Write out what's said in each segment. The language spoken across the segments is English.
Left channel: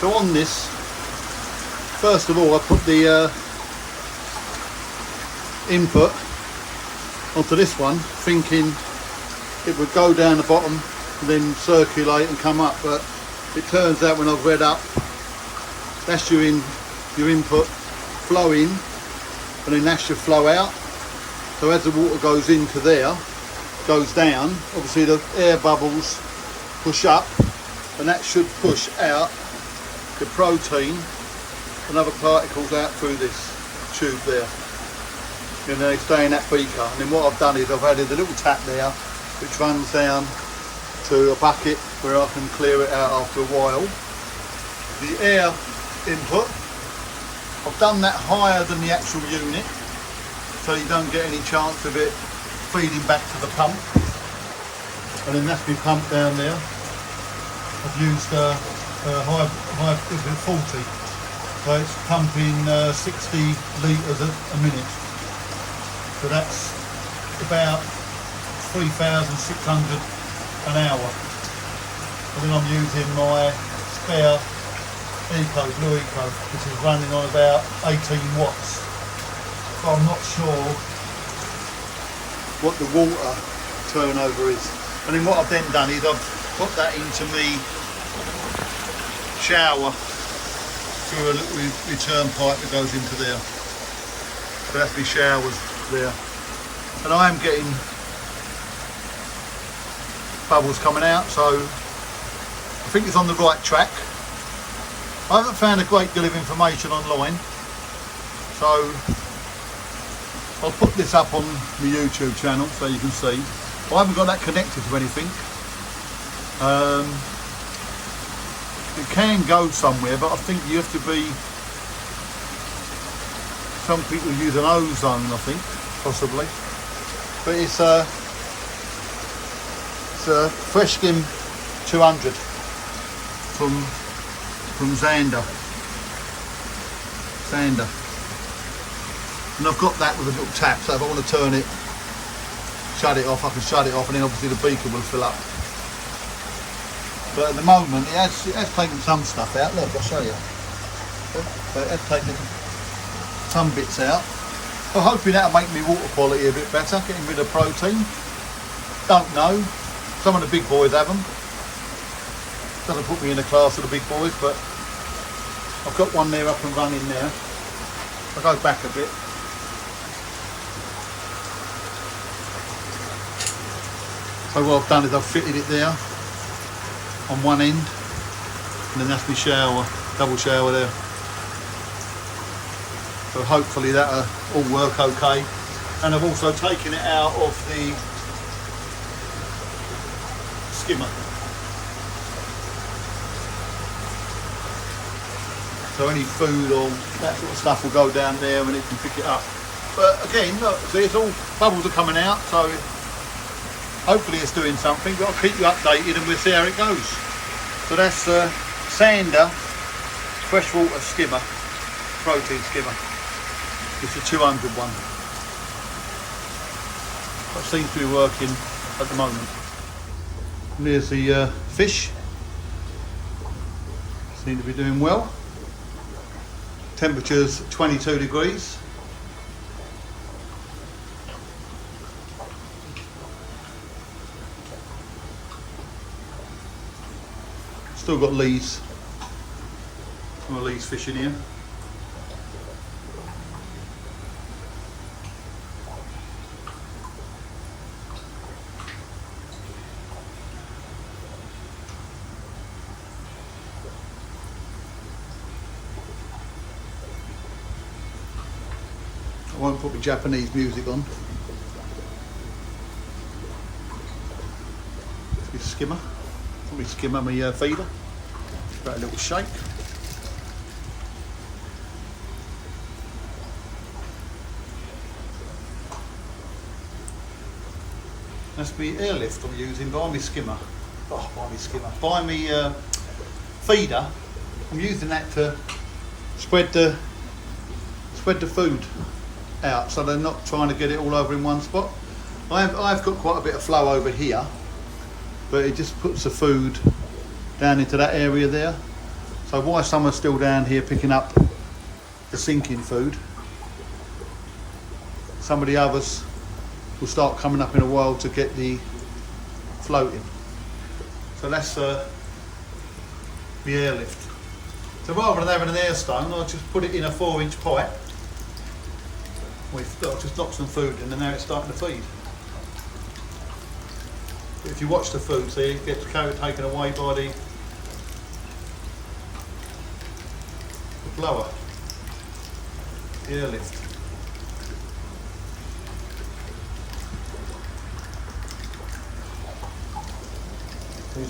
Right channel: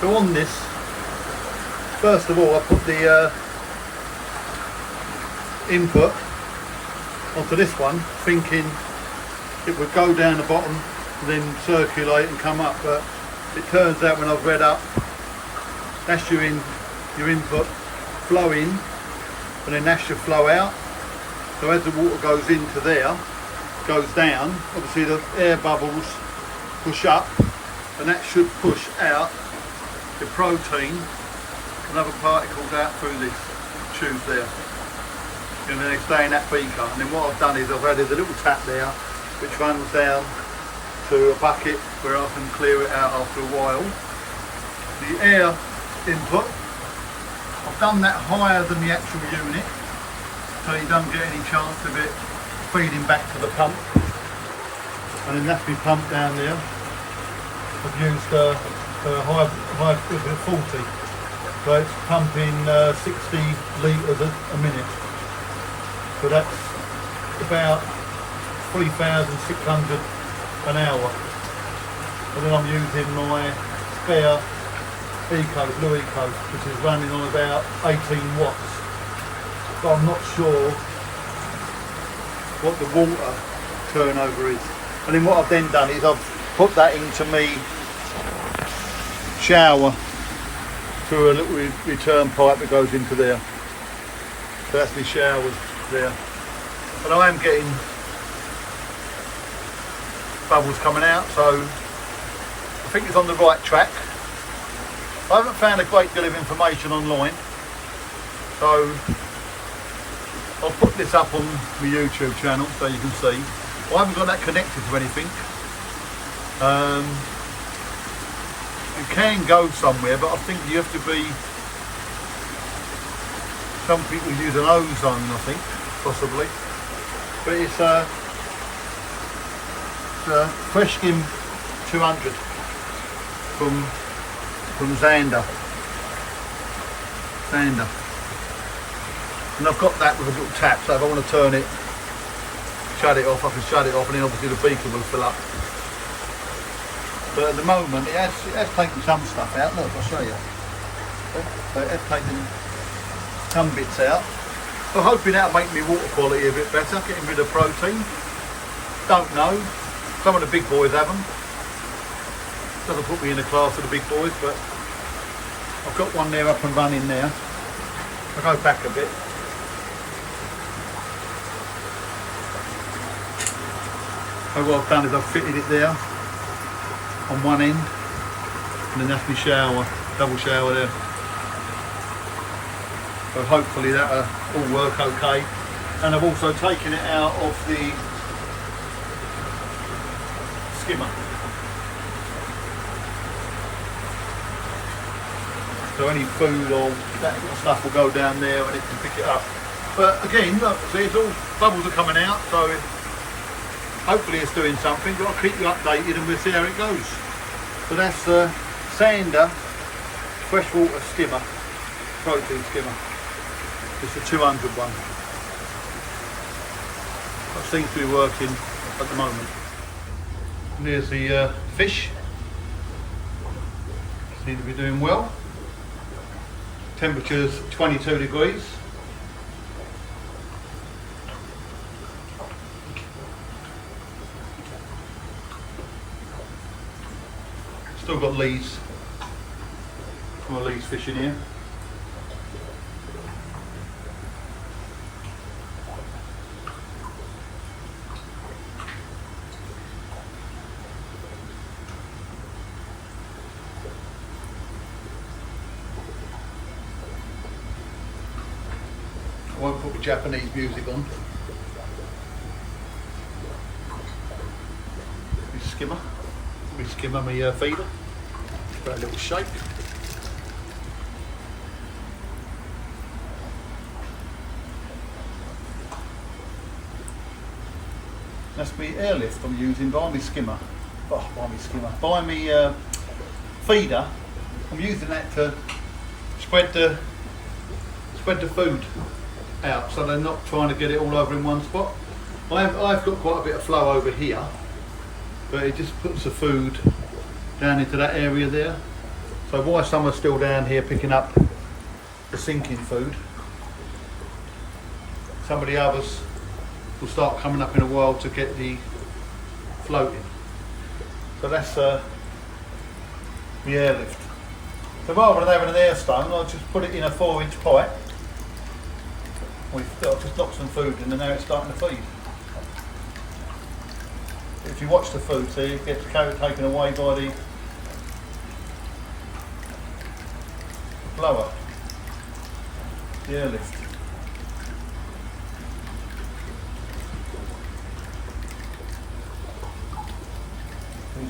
So on this, first of all I put the input onto this one, thinking it would go down the bottom and then circulate and come up, but it turns out when I've read up, that's your input flow in, and then that's your flow out. So as the water goes into there, goes down, obviously the air bubbles push up, and that should push out the protein and other particles out through this tube there, and they stay in that beaker. And then what I've done is I've added a little tap there which runs down to a bucket where I can clear it out after a while. The air input, I've done that higher than the actual unit so you don't get any chance of it feeding back to the pump. And then that's my pump down there. I've used high 40, so it's pumping 60 litres a minute. So that's about 3,600 an hour. And then I'm using my spare Blue Eco, which is running on about 18 watts. So I'm not sure what the water turnover is. And then what I've then done is I've put that into me shower through a little return pipe that goes into there. So that's my showers there. But I am getting bubbles coming out, so I think it's on the right track. I haven't found a great deal of information online, so I'll put this up on my YouTube channel so you can see. I haven't got that connected to anything. It can go somewhere, but I think you have to be, some people use an ozone, I think, possibly. But it's a Fresh Skim 200 from Zander. And I've got that with a little tap, so if I want to turn it, shut it off, I can shut it off, and then obviously the beaker will fill up. But at the moment it has taken some stuff out. Look, I'll show you. But it has taken some bits out. I'm hoping that'll make my water quality a bit better, getting rid of protein. Don't know. Some of the big boys have them. Doesn't put me in the class of the big boys, but I've got one there up and running now. I'll go back a bit. So what I've done is I've fitted it there on one end, and then that's my shower, double shower there. So hopefully that'll all work okay. And I've also taken it out of the skimmer. So any food or that sort of stuff will go down there and it can pick it up. But again, look, see, it's all bubbles are coming out, so hopefully it's doing something. But I'll keep you updated and we'll see how it goes. So that's Zander freshwater skimmer, protein skimmer. It's the 200 one. That seems to be working at the moment. And there's the fish. Seem to be doing well. Temperature's 22 degrees. Still got lees. Some of lees fish in here. I won't put the Japanese music on. skimmer, my feeder. Give that a little shake. That's my airlift I'm using by my skimmer. By my feeder. I'm using that to spread the food out, so they're not trying to get it all over in one spot. I've got quite a bit of flow over here, but it just puts the food down into that area there. So while some are still down here picking up the sinking food, some of the others will start coming up in a while to get the floating. So that's the airlift. So rather than having an air stone, I'll just put it in a 4-inch pipe. I'll just knock some food in and now it's starting to feed. But if you watch the food, see, it gets taken away by the blower, the airlift.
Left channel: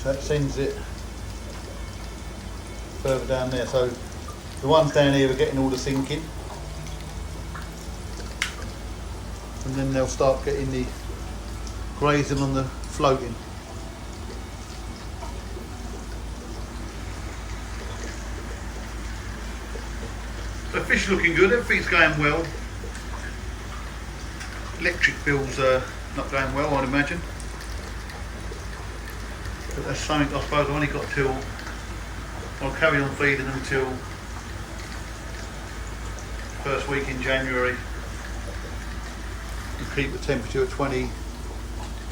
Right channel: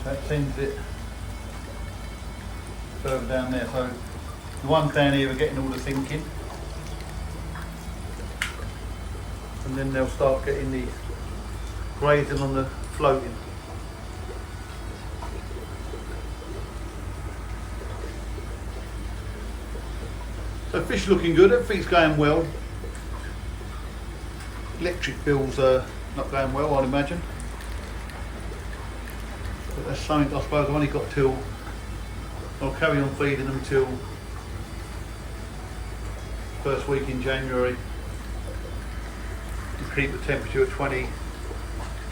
That sends it further down there. So the ones down here are getting all the sinking, and then they'll start getting the grazing on the floating. So fish looking good, everything's going well. Electric bills are not going well, I'd imagine. But that's something I suppose I've only got till, I'll carry on feeding them till first week in January and keep the temperature at 20,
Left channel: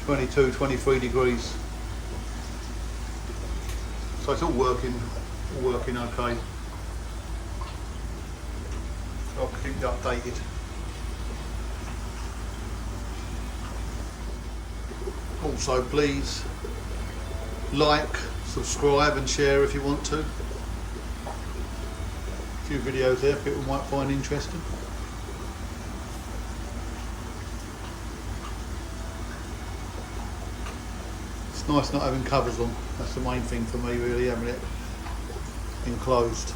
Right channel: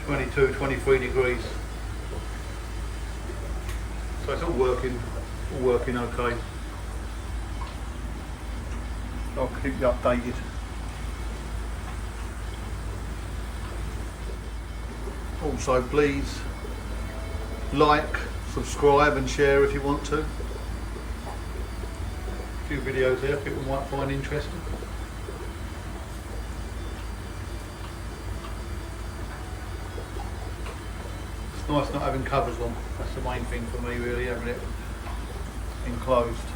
22, 23 degrees. So it's all working okay. I'll keep you updated. Also please like, subscribe and share if you want to. A few videos there people might find interesting. It's nice not having covers on. That's the main thing for me really, having it enclosed.